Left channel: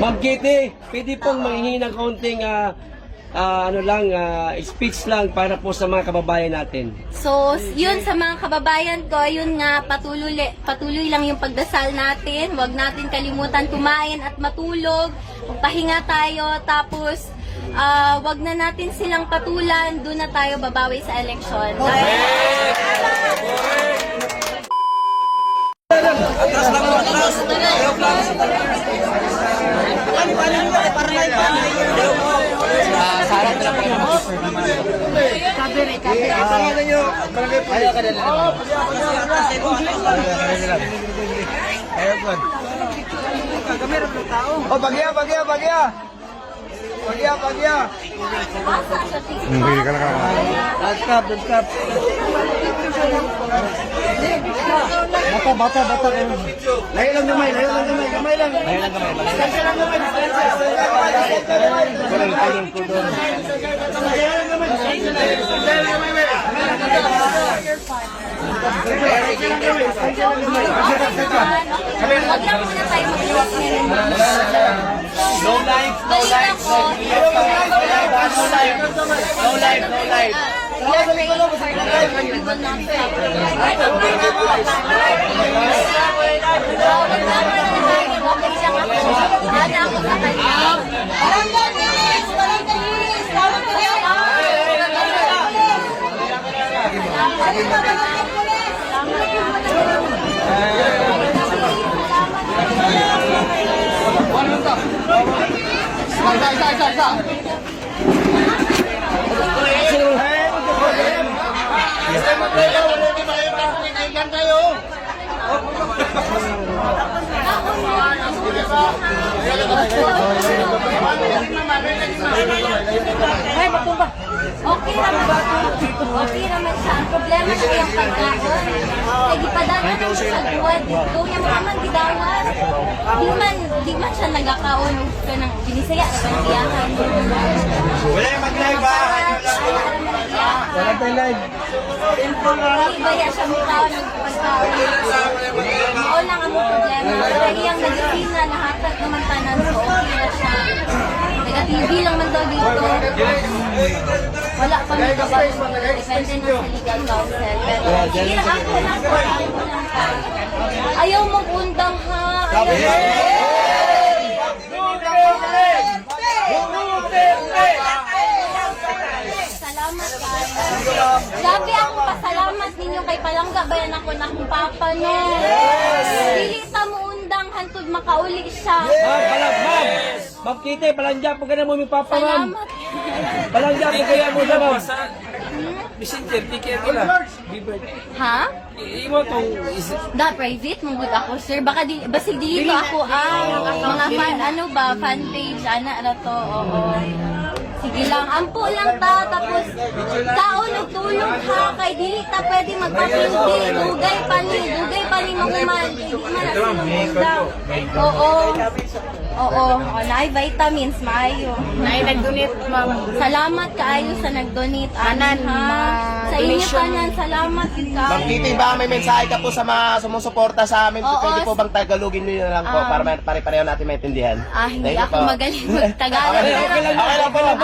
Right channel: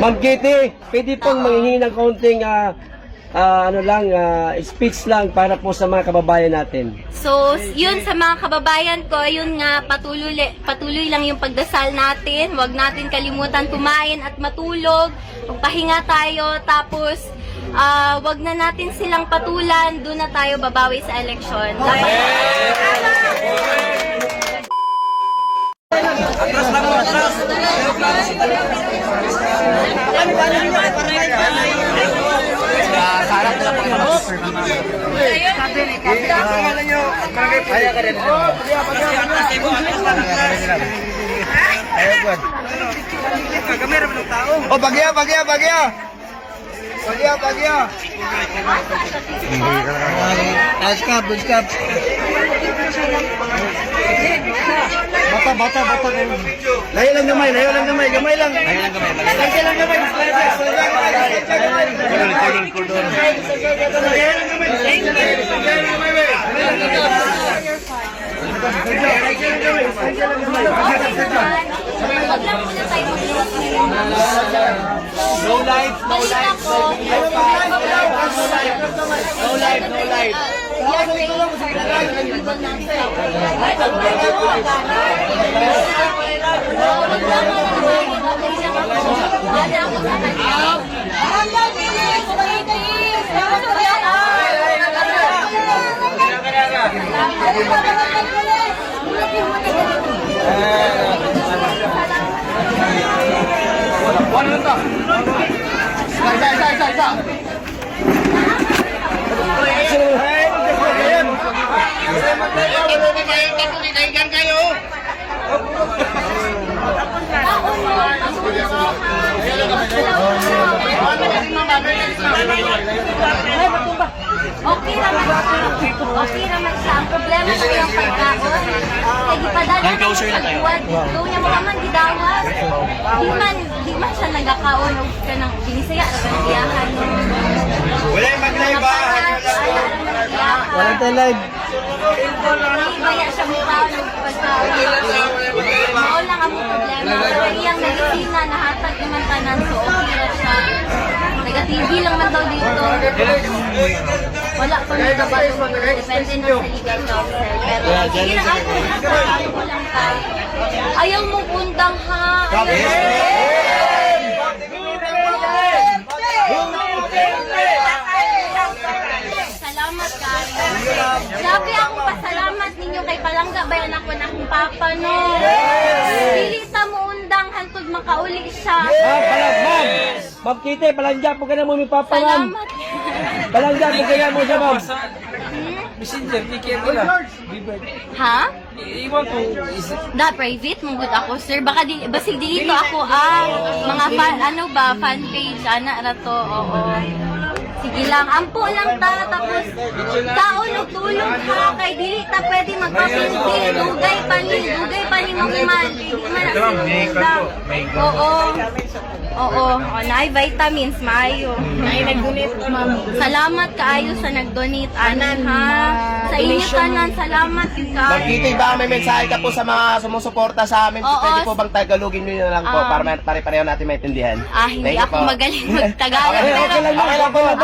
Ma'am Kitty, pwede pong manghingi ng kaunting speech lang para po sa mga kababayan natin. So, yun sa mga kababayan ko, yun nga, patuloy lang yung pagdasal natin. Huwag natin kalimutan kumain at matulog. Magpahinga tayo, tapos wag na natin silang patulan. Doon na tayo babawi sa eleksyon. Oh, bagya. Buskap. Bata. Layo lang gamay. Gamay lang. No life. We are praying for the we will not stop. Wag lang mananahimik, okay lang ako. Ana ako sa kanya. Okay naman siya. Ang problema na yung pagkaon. Kaya gipadala na sa buwan. Doon niya mga man gidawas. Di man siya nagkakaon o ka ng binisaya na gantiyahan. Wala yung mag-live ba? Ibaya siya mukha ng pagkaon. Maon lang ang problema. Pero iyang nagisina, nahatag naman tanan. So okay na siya. Nag-TV lang man daw dito. Wala pa nang kabalo. Depende na sa legal counsel. Pero sige lang ako lang ka. Ayaw mong undang ha. Salamat kayo. Grabe akong pasalamat ninyo kay Palangga. Bayan ako ng papa no. Dili ta mo undang hantod makauli siya. Ma'am Kitty, palangja po ka na mo may papa, ma'am. Salamat. Palangja po ka na mo siya, ma'am. Messenger, PKM nila. Ha? Iwan ko. Da private mo gud ako sir, baka basig dito ako mga fan page ana ra to. Oo. Sige lang, ampo lang ta, tapos taon og tulog ha, kay dili ta pwede magpapindi, dugay pa ni mahuman, di man na sinugda. Oo, naay vitamins, maayo. Salamat kaayo sa nag-donate, anan ha. Sa inyo tanan, salamat yun ka. Ma'am Kitty, baka may mensahe ka po sa mga sumusuporta sa amin. Oo. Pwede po bang tagalogin nyo na lang po para pare-pareho natin maintindihan? Hindi ako magaling mag-Tagalog, pero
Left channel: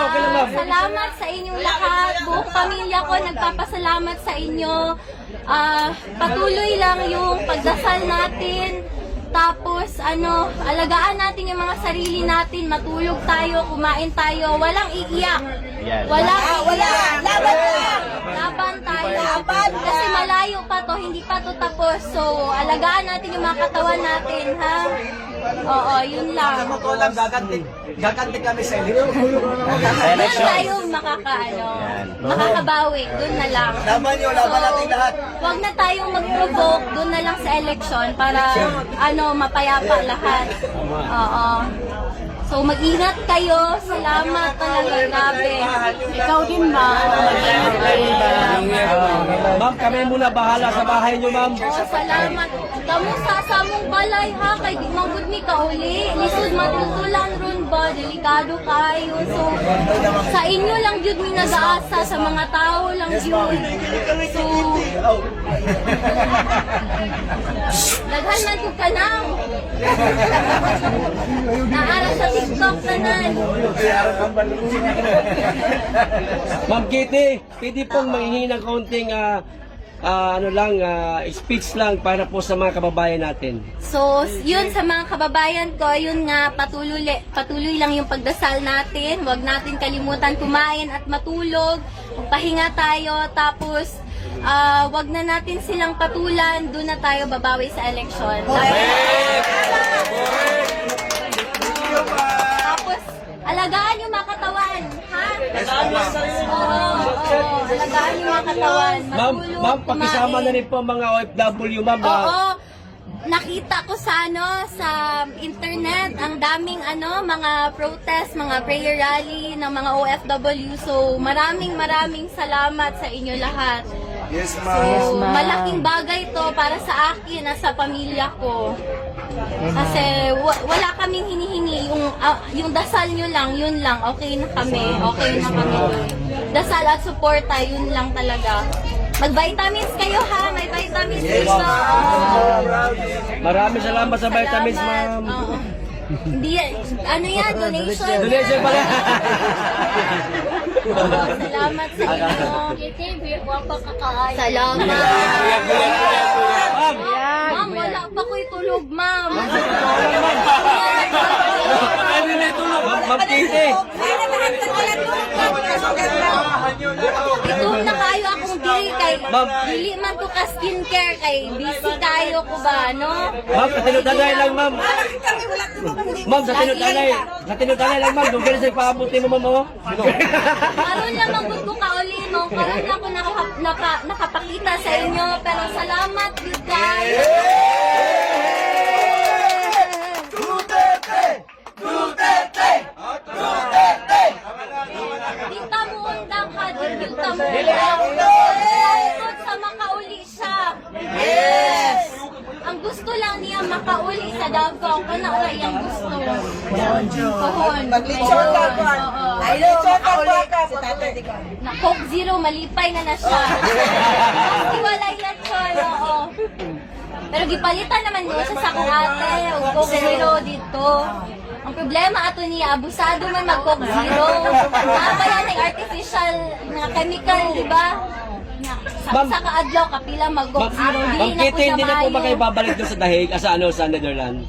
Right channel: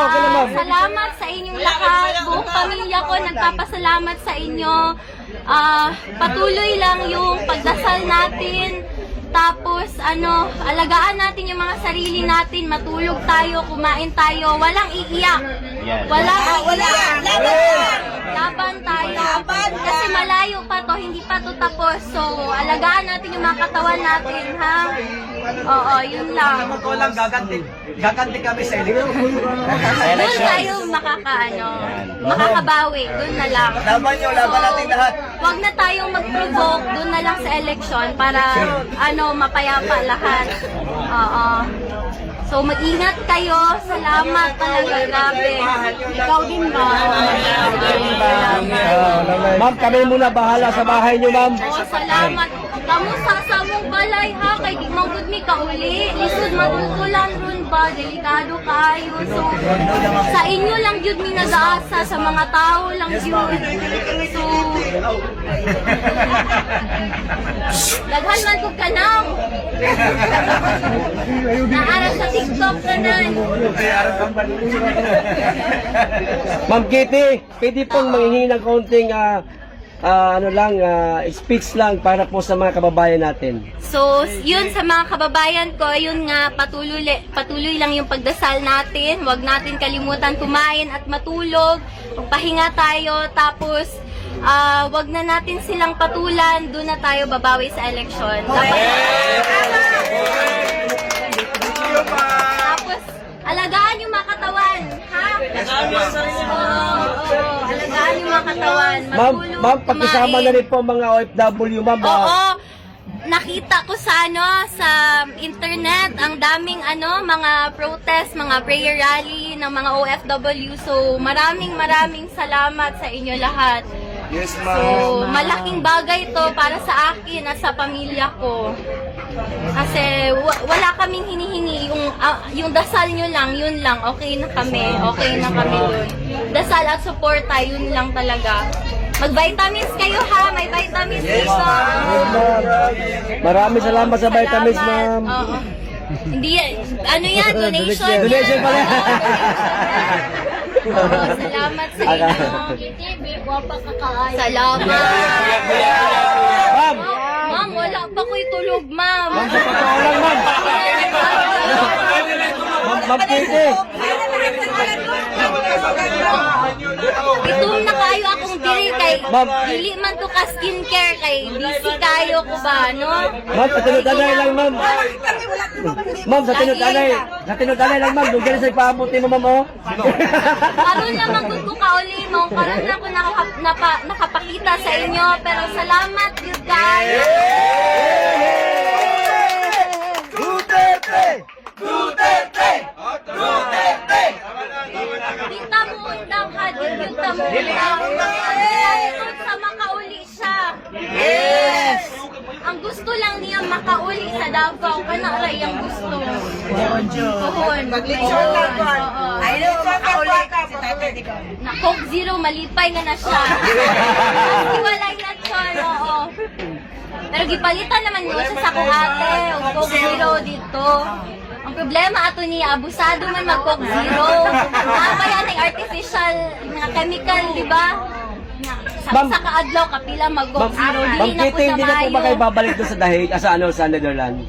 Okay lang po. salamat sa inyong lahat. Buong pamilya ko nagpapasalamat sa inyo. Patuloy lang yung pagdasal natin. Tapos, alagaan natin yung mga sarili natin. Matulog tayo, kumain tayo. Walang iiyak. Walang laban tayo. Kasi malayo pa to, hindi pa to tapos. So, alagaan natin yung mga katawan natin, ha? Oo, yun lang. Walang gaganti kami sa eleksyon. Doon tayo makakabawi. Doon na lang. Laban natin lahat. Huwag na tayong mag-provoke. Doon na lang sa election para mapayapa lahat. Oo. So, mag-ingat kayo. Salamat talaga. Grabe. Ikaw din ba? Ma'am, kami muna bahala sa bahay niyo, ma'am. Salamat. Kamu sa mong balay ha, kay di mong gud mi kauli. Lisod matutulan ron ba, delikado kayo. So, sa inyo lang jud mi nag-aasa, sa mga tao lang jud. So, daghan man ko kanang. Naara sa sa TikTok tanan. Ma'am Kitty, pwede pong manghingi ng kaunting speech lang para po sa mga kababayan natin. So, yun sa mga kababayan ko, yun nga, patuloy lang yung pagdasal natin. Huwag natin kalimutan kumain at matulog. Magpahinga tayo, tapos wag na natin silang patulan. Doon na tayo babawi sa eleksyon. Tapos, alagaan yung mga katawan, ha? Oo, alagaan yung mga katawan. Matulog, Ma'am, pakisama na rin po mga OFW, ma'am. Oo, nakita ko sa sa internet ang daming mga protest, mga prayer rally ng mga OFW. So maraming salamat sa inyo lahat. Yes, So malaking bagay to para sa akin at sa pamilya ko. Kasi wala kaming hinihingi, yung dasal nyo lang, yun lang, okay na kami dun. Dasal at suporta, yun lang talaga. Mag-vitamins kayo ha, may vitamins dito. Maraming salamat sa vitamins, ma'am. Oo. Hindi yan, donation yan. Donation pala. Oo, salamat sa inyo. Salamat. Ma'am, wala pa ko'y tulog, ma'am. Ma'am Kitty. Itum na kayo akong diri kay dili man to ka skincare kay busy kayo ko ba, no? Ma'am, patinod-anay lang, ma'am. Ma'am, patinod-anay lang, ma'am. Doon sa ipaabuti mo, ma'am, oh. Karon lang magud ko kauli mo, karon na ako nakapakita sa inyo, pero salamat you guys. Dita mo undang ha, dita mo undang. Salamat sa makauli siya. Yes! Ang gusto lang niya makauli sa Davao, kana ray ang gusto. Pohon. Maglitsyon lang. Oo. Ay, litsyon ka si Tatay di ba? Na Coke Zero, malipay na siya. Kasi walay litsyon, oo. Pero gipalitan naman mo sa akong ate, o Coke Zero dito. Ang problema ato niya, abusado man mag-Coke Zero. Nabayan ng artificial mga chemical, di ba? Sa kaadlaw, kapila mag-Coke Zero. Ma'am Dili na po Kitty, siya hindi na po maayo. makaibabalik doon sa dahig, sa Netherlands.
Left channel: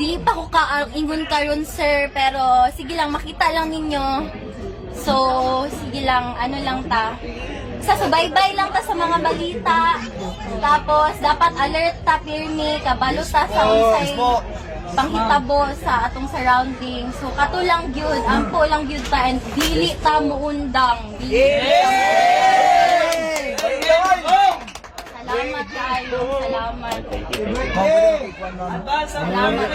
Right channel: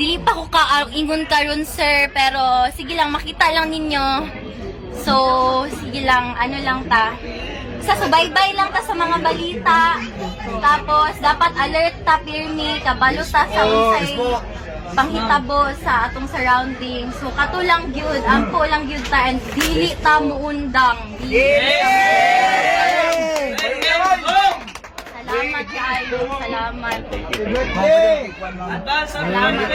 Dili pa ko ingon karon sir, pero sige lang, makita lang ninyo. So, sige lang, lang ta. Sa subaybay lang ta sa mga balita. Tapos, dapat alert ta, pirmi, kabalo ta sa unsay panghitabo sa atong surroundings. So, kato lang gyud, ampo lang gyud ta, and dili ta muundang. Salamat kayo, salamat. Salamat.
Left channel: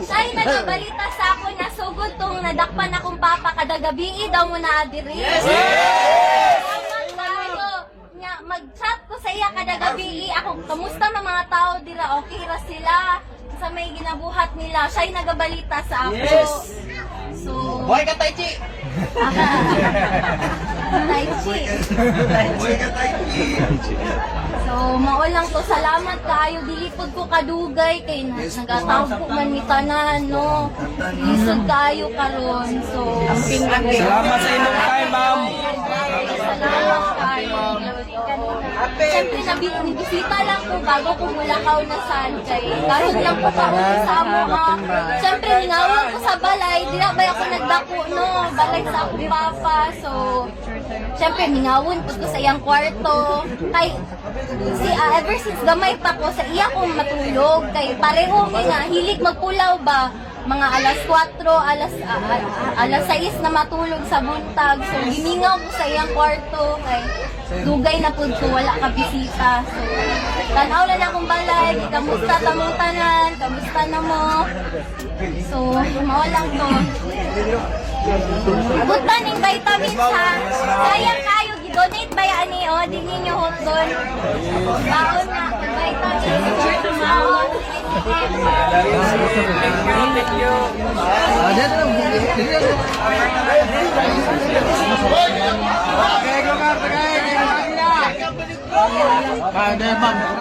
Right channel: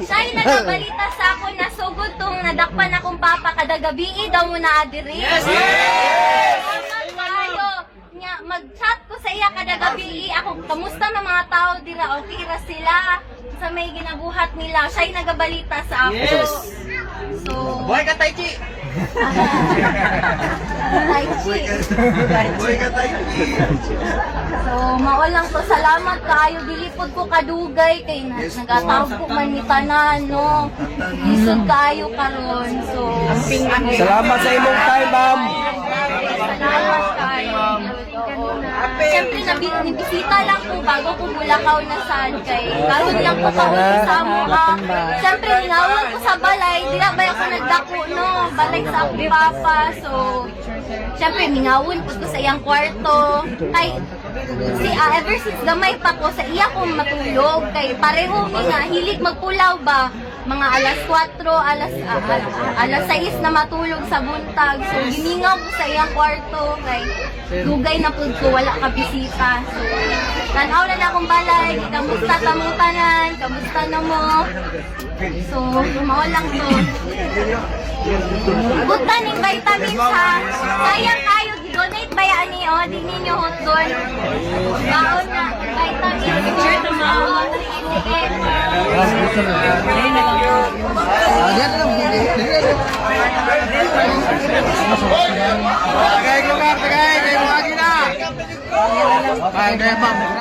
Sa'yo na nabalita sa ako na sugod tong nadakpan akong papa kada gabi daw mo na adiri. Salamat kayo. Nga, mag-chat ko sa iya kada gabi. Ako, kamusta na mga tao dira? Okay ra sila sa may ginabuhat nila. Siya'y nagabalita sa ako. So, Buhay ka, Taichi! So, maulang to. Salamat kayo. Dilipod ko kadugay. Kay nagatawag ko man ni tanan, no? Lisod kayo karon. So, Salamat sa inyong time, ma'am. salamat kayo. Siyempre, nabisita lang po bago ko Bulacau na saan kay. Karon lang po kauli sa amo ha. Siyempre, ngawag ko sa balay. Di na ba ako nagdako, no? Balay sa akong papa. So, siyempre, mingawon po ko sa iyang kwarto. Kay, ever since gamay pa ko, sa iya kong matulog. Kay, pareho nga, hilig magpulaw ba? Mga alas 4, alas 6 na matulog sa buntag. So, gimingaw ko sa iyang kwarto. Kay, dugay na po ko, wala ka bisita. So, Tanaw na akong balay, kamusta tamong tanan, kamusta na mo. So, mao lang to. Butan ng vitamins ha. Sayang kayo, gidonate ba yan ni o? Di ninyo hotdon. Baon na, vitamins. Baon, Pagay, lugar, pagay, kayo mga sila. Pagay, ma'am.